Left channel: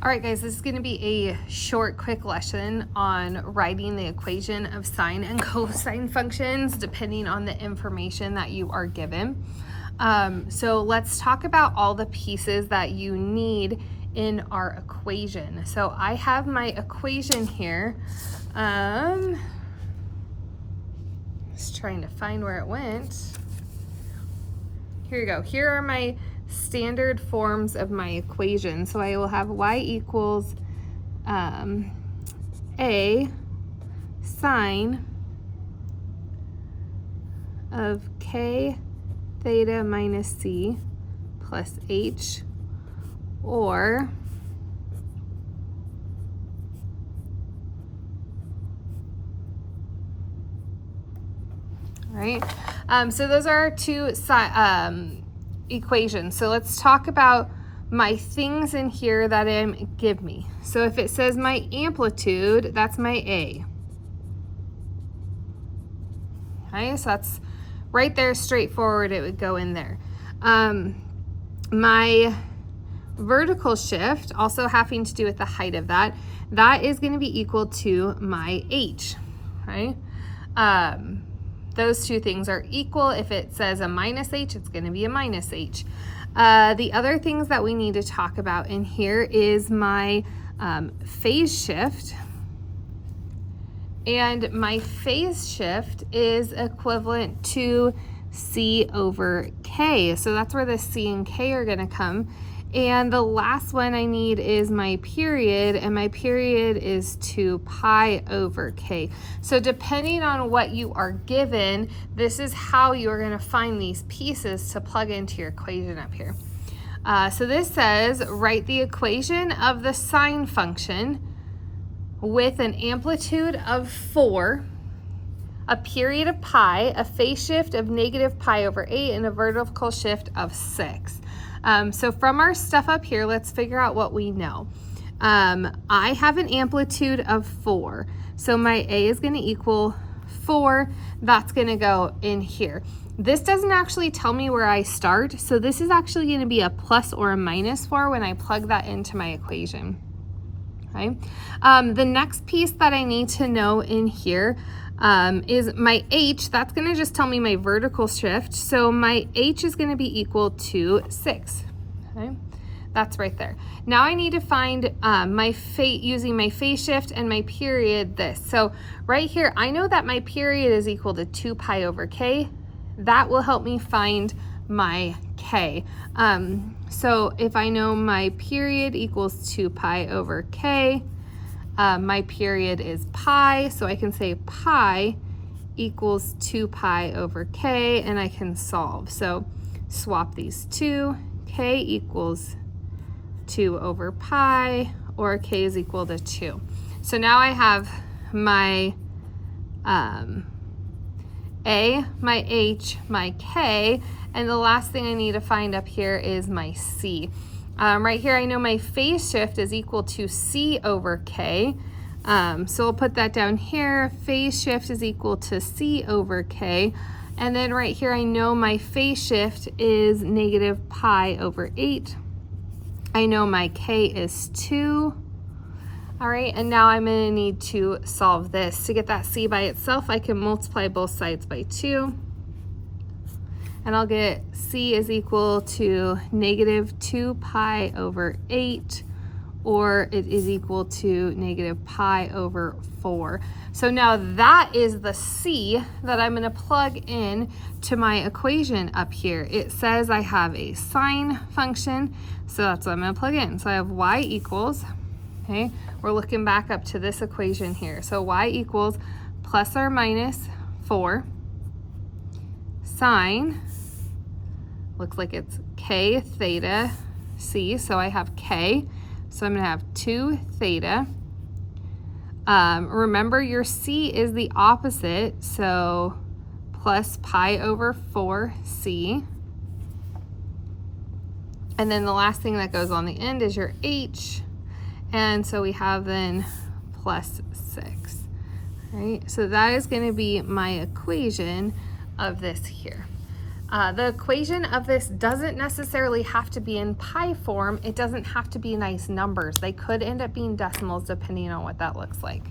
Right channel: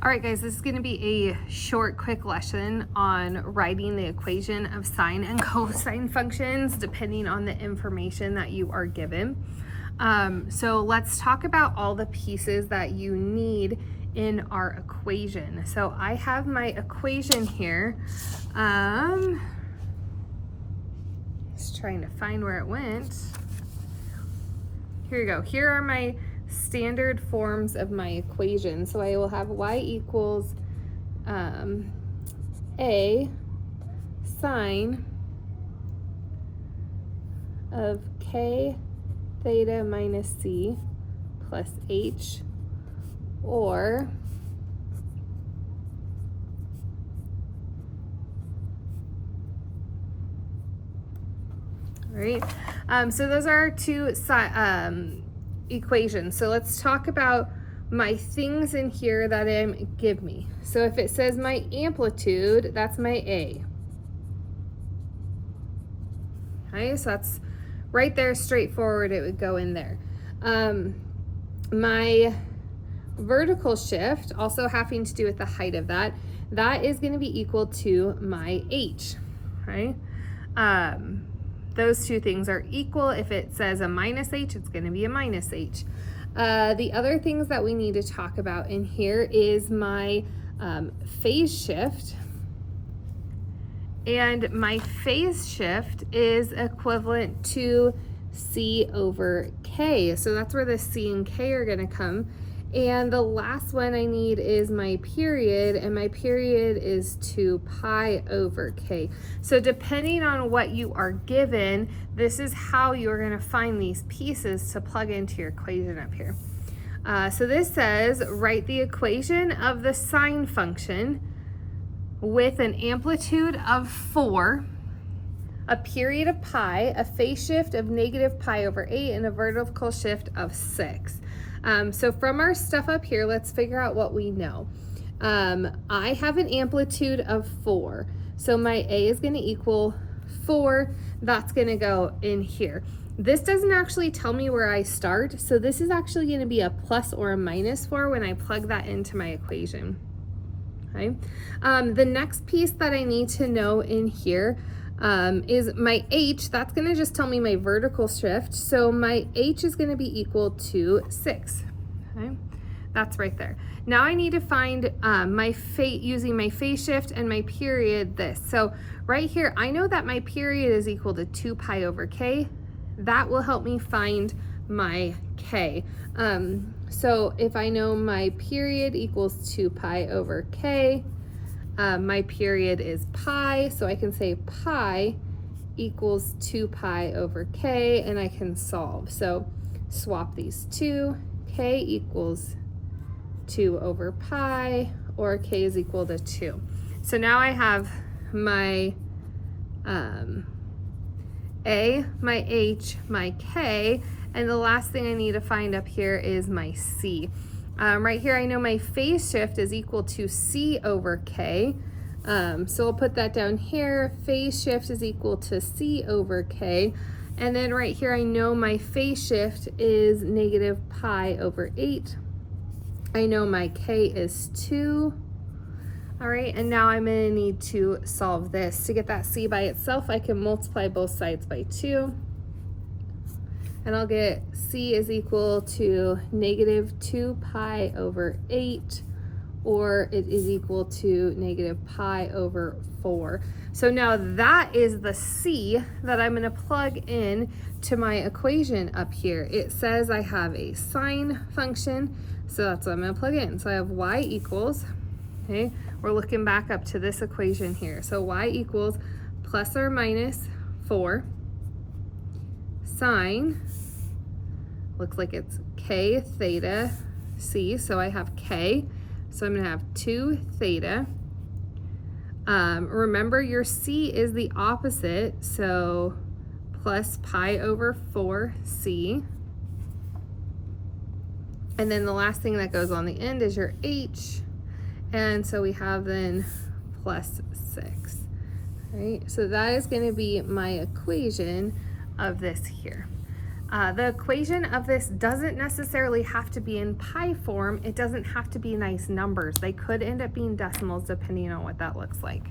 All right, guys, this is going to be a short, quick lesson on writing the equation of sine and cosine functions depending on the information that you are given. So let's talk about all the pieces that you need in our equation. So I have my equation here. Just trying to find where it went. Here you go. Here are my standard forms of my equation. So I will have y equals a sine of k theta minus c plus h, or right? So those are our two equations. So let's talk about my things in here that give me. So if it says my amplitude, that's my A. Okay, so that's right there, straightforward, it would go in there. My vertical shift, also having to do with the height of that, that is going to be equal to my H, right? Those two things are equal. If it says a minus H, it's going to be a minus H. The other things that we need to talk about in here is my phase shift. And my phase shift is equivalent to C over K. So that's where the C and K are going to come. And the last one I need is my period, and my period is 2 pi over k. So depending on what you are given, this is how you're going to find these pieces to plug into your equation up here. So this says, write the equation of the sine function with an amplitude of 4, a period of pi, a phase shift of negative pi over 8, and a vertical shift of 6. So from our stuff up here, let's figure out what we know. I have an amplitude of 4. So my A is going to equal 4. That's going to go in here. This doesn't actually tell me where I start. So this is actually going to be a plus or a minus 4 when I plug that into my equation. Okay. The next piece that I need to know in here is my H. That's going to just tell me my vertical shift. So my H is going to be equal to 6. Okay, that's right there. Now I need to find using my phase shift and my period this. So right here, I know that my period is equal to 2 pi over k. That will help me find my k. So if I know my period equals 2 pi over k, my period is pi, so I can say pi equals 2 pi over k, and I can solve. So swap these two. K equals 2 over pi, or k is equal to 2. So now I have my A, my H, my K, and the last thing I need to find up here is my C. Right here, I know my phase shift is equal to C over K. So I'll put that down here. Phase shift is equal to C over K. And then right here, I know my phase shift is negative pi over 8. I know my K is 2. All right, and now I'm going to need to solve this. To get that C by itself, I can multiply both sides by 2. And I'll get C is equal to negative 2 pi over 8, or it is equal to negative pi over 4. So now that is the C that I'm going to plug in to my equation up here. It says I have a sine function, so that's what I'm going to plug in. So I have y equals, okay, we're looking back up to this equation here. So y equals plus or minus 4 sine, looks like it's k theta c, so I have k, so I'm going to have 2 theta. Remember, your c is the opposite, so plus pi over 4c. And then the last thing that goes on the end is your h, and so we have then plus 6. Right? So that is going to be my equation of this here. The equation of this doesn't necessarily have to be in pi form. It doesn't have to be nice numbers. They could end up being decimals depending on what that looks like.